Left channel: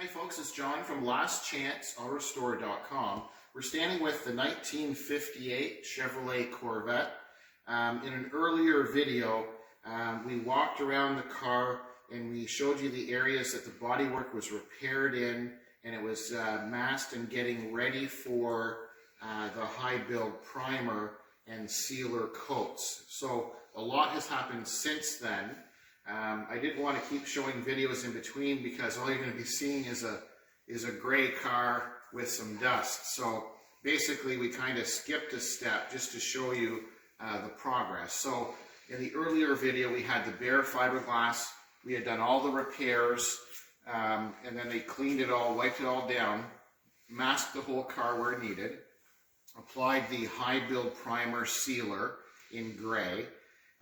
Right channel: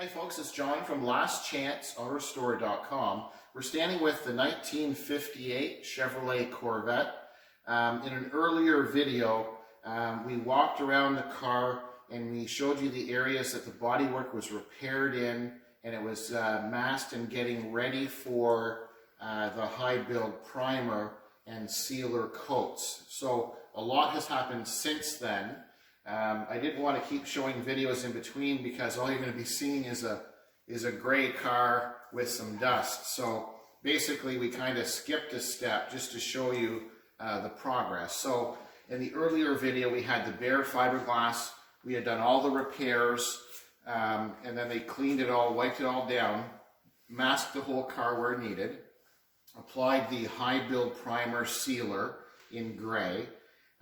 Hi folks, it's John from lastchanceautorestore.com. We're standing with the 1958 Chevrolet Corvette. In an earlier video, we walked around the car and we showed you the areas that the bodywork was repaired in, and it was masked and getting ready for the high build primer and sealer coats. So a lot has happened since then. I didn't want to keep showing videos in between because all you're going to be seeing is a gray car with some dust. So basically we kind of skipped a step just to show you the progress. So in the earlier video we had the bare fiberglass. We had done all the repairs, and then they cleaned it all, wiped it all down, masked the whole car where needed, applied the high build primer sealer in gray.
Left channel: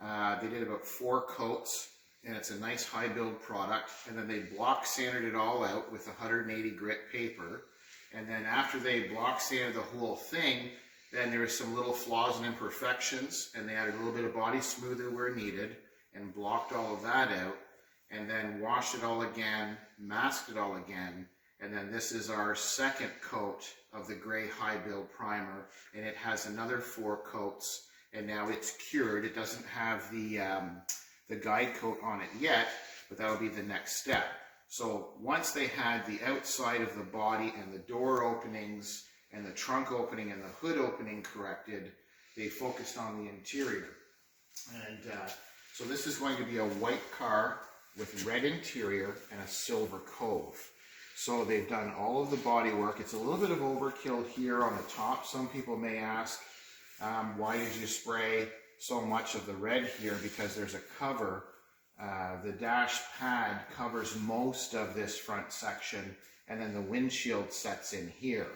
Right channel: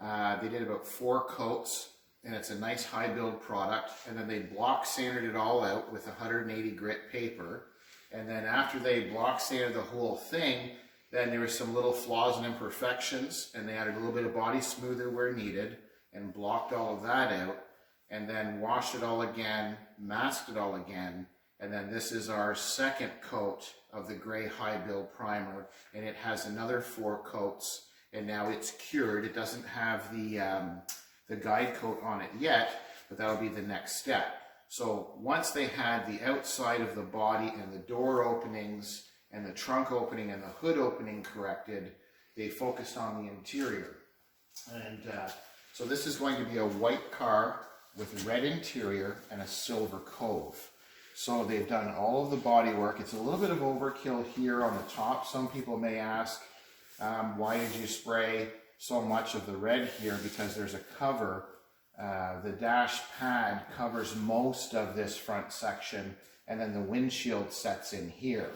They did about 4 coats. And it's a nice high build product, and then they block sanded it all out with 180 grit paper. And then after they block sanded the whole thing, then there were some little flaws and imperfections, and they added a little bit of body smoother where needed and blocked all of that out, and then washed it all again, masked it all again, and then this is our second coat of the gray high build primer, and it has another 4 coats, and now it's cured. It doesn't have the guide coat on it yet, but that'll be the next step. So once they had the outside of the body and the door openings and the trunk opening and the hood opening corrected, they focused on the interior. And so this is going to be a white car with red interior and a silver cove. So they've done all of the body work. It's a little bit of overkill here on the top. Some people may ask, why did you spray so much of the red here? Because there's a cover. The dash pad covers most of this front section, and then the windshield sets in here.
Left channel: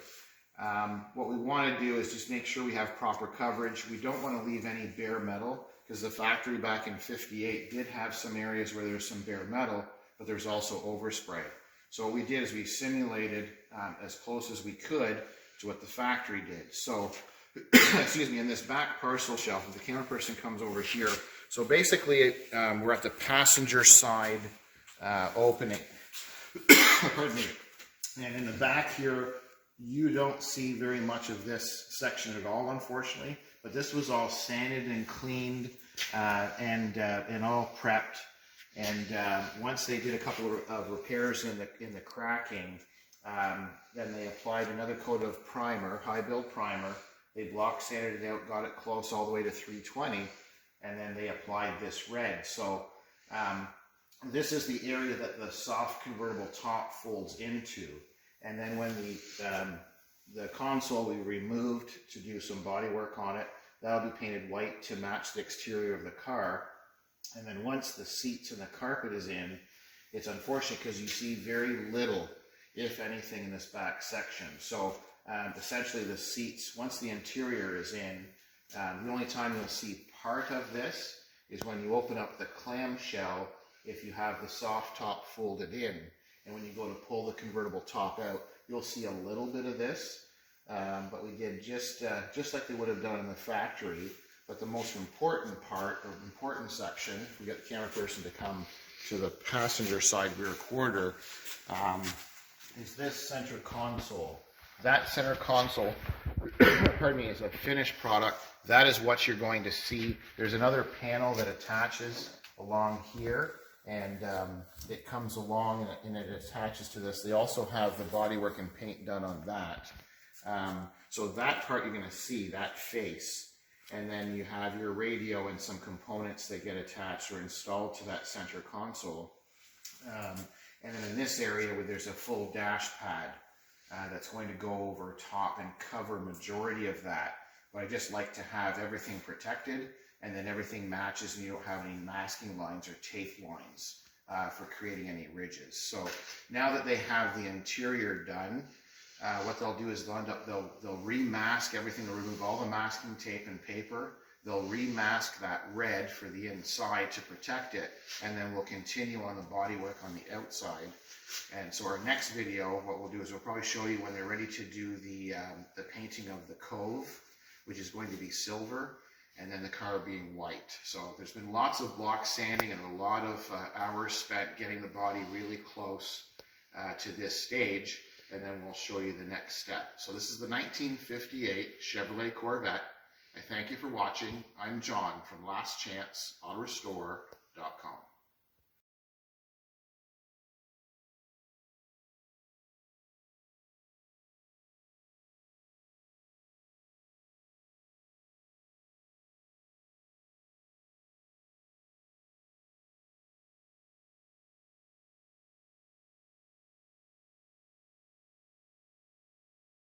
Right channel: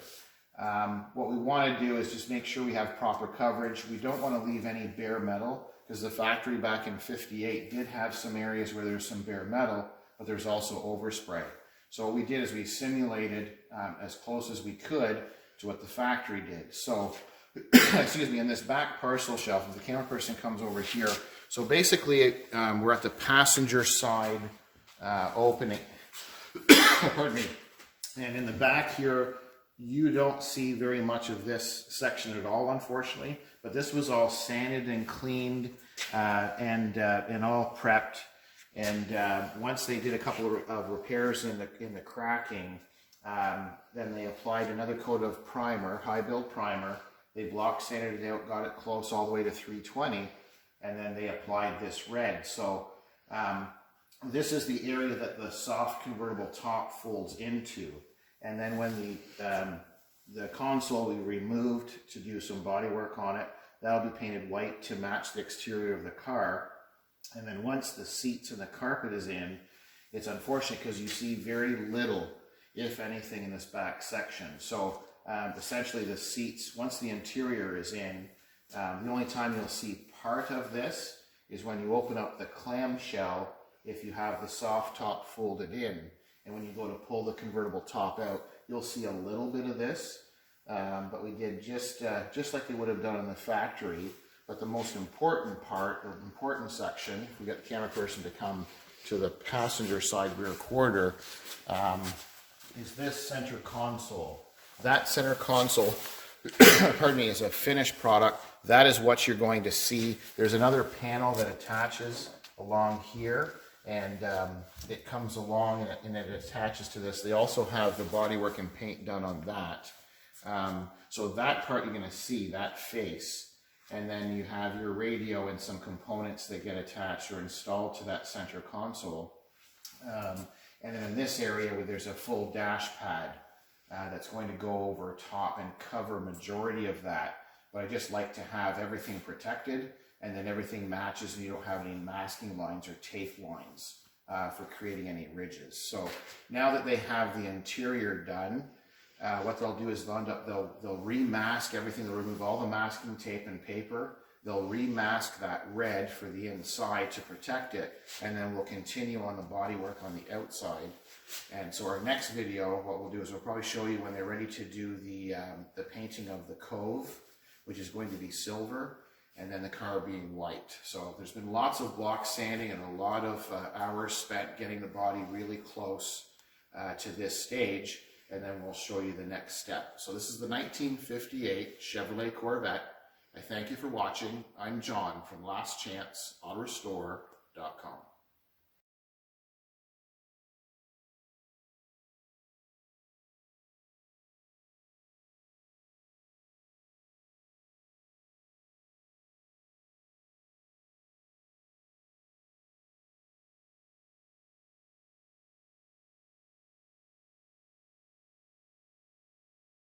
What we want to do is just make sure we have proper coverage. We don't want to leave any bare metal, because the factory back in '58 did have some areas where there's some bare metal, but there's also overspray. So what we did is we simulated as close as we could to what the factory did. So excuse me, in this back parcel shelf, if the camera person comes over here, so basically we're at the passenger side opening. Pardon me. And in the back here, you don't see very much of this section at all, unfortunately, but this was all sanded and cleaned and all prepped. And once they did a couple of repairs in the cracking, then they applied another coat of primer, high build primer. They block sanded it out, got it close all the way to 320, and then they applied this red. So this is the area that the soft convertible top folds into. And then when the console we removed to do some body work on it, that'll be painted white to match the exterior of the car. And then once the seats and the carpet is in, it's unfortunate because you see very little, if anything, in this back section. So essentially the seats, once the interior is in, the only time you'll see part of this is when you open up the clamshell if you have the soft top folded in. And when you go to pull the convertible top out, you'll see a little bit of this, but we did just like they would have done in the factory. But the most important part, or important section, if we get the camera person to come to the passenger side rear quarter, is this center console. That center console, pardon me, is a finished product. That is what you're going to see. There's another panel that attaches along here, and it comes along and it attaches to this. They also have the bodywork and paint done on that. So that part you're going to see, that face. And then you have your radio and some components that get attached or installed to that center console. And then in this area where there's a full dash pad, that's going to go over top and cover a majority of that. But I just like to have everything protected, and then everything matches and you don't have any masking lines or tape lines for creating any ridges. So now that they have the interior done, what they'll do is they'll remask everything. They'll remove all the masking tape and paper. They'll remask that red for the inside to protect it, and then we'll continue on the bodywork on the outside. And so our next video, what we'll do is we'll probably show you when they're ready to do the painting of the cove, which is going to be silver, and then the car being white. So there's been lots of block sanding and a lot of hours spent getting the body really close to this stage, and then we'll show you the next step. So this is the 1958 Chevrolet Corvette. I thank you for watching. I'm John from lastchanceautorestore.com.